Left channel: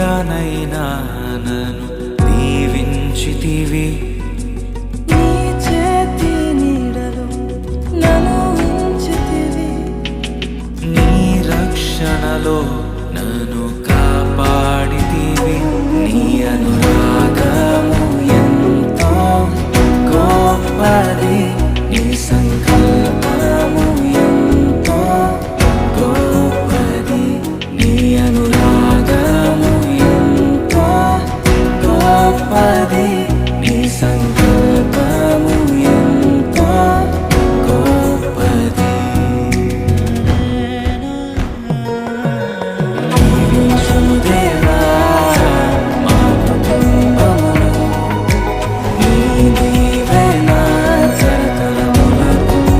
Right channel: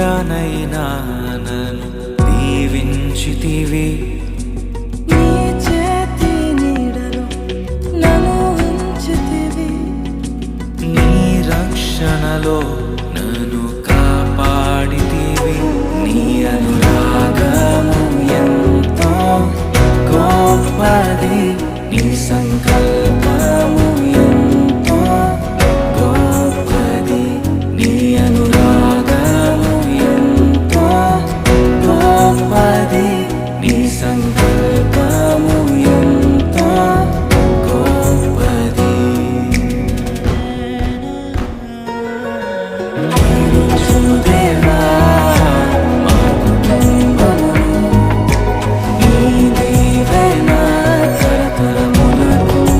నీడనైనా నన్ను దీవించితివి. నీ చేతి నీడలో నన్ను ఉంచితివి. నీ రక్షణలో నన్ను కాపాడితివి. నీ అనురాగము ఎంతో గొప్పది, నీ సంకల్పము ఎంతో గొప్పది. నీ అనురాగము ఎంతో గొప్పది.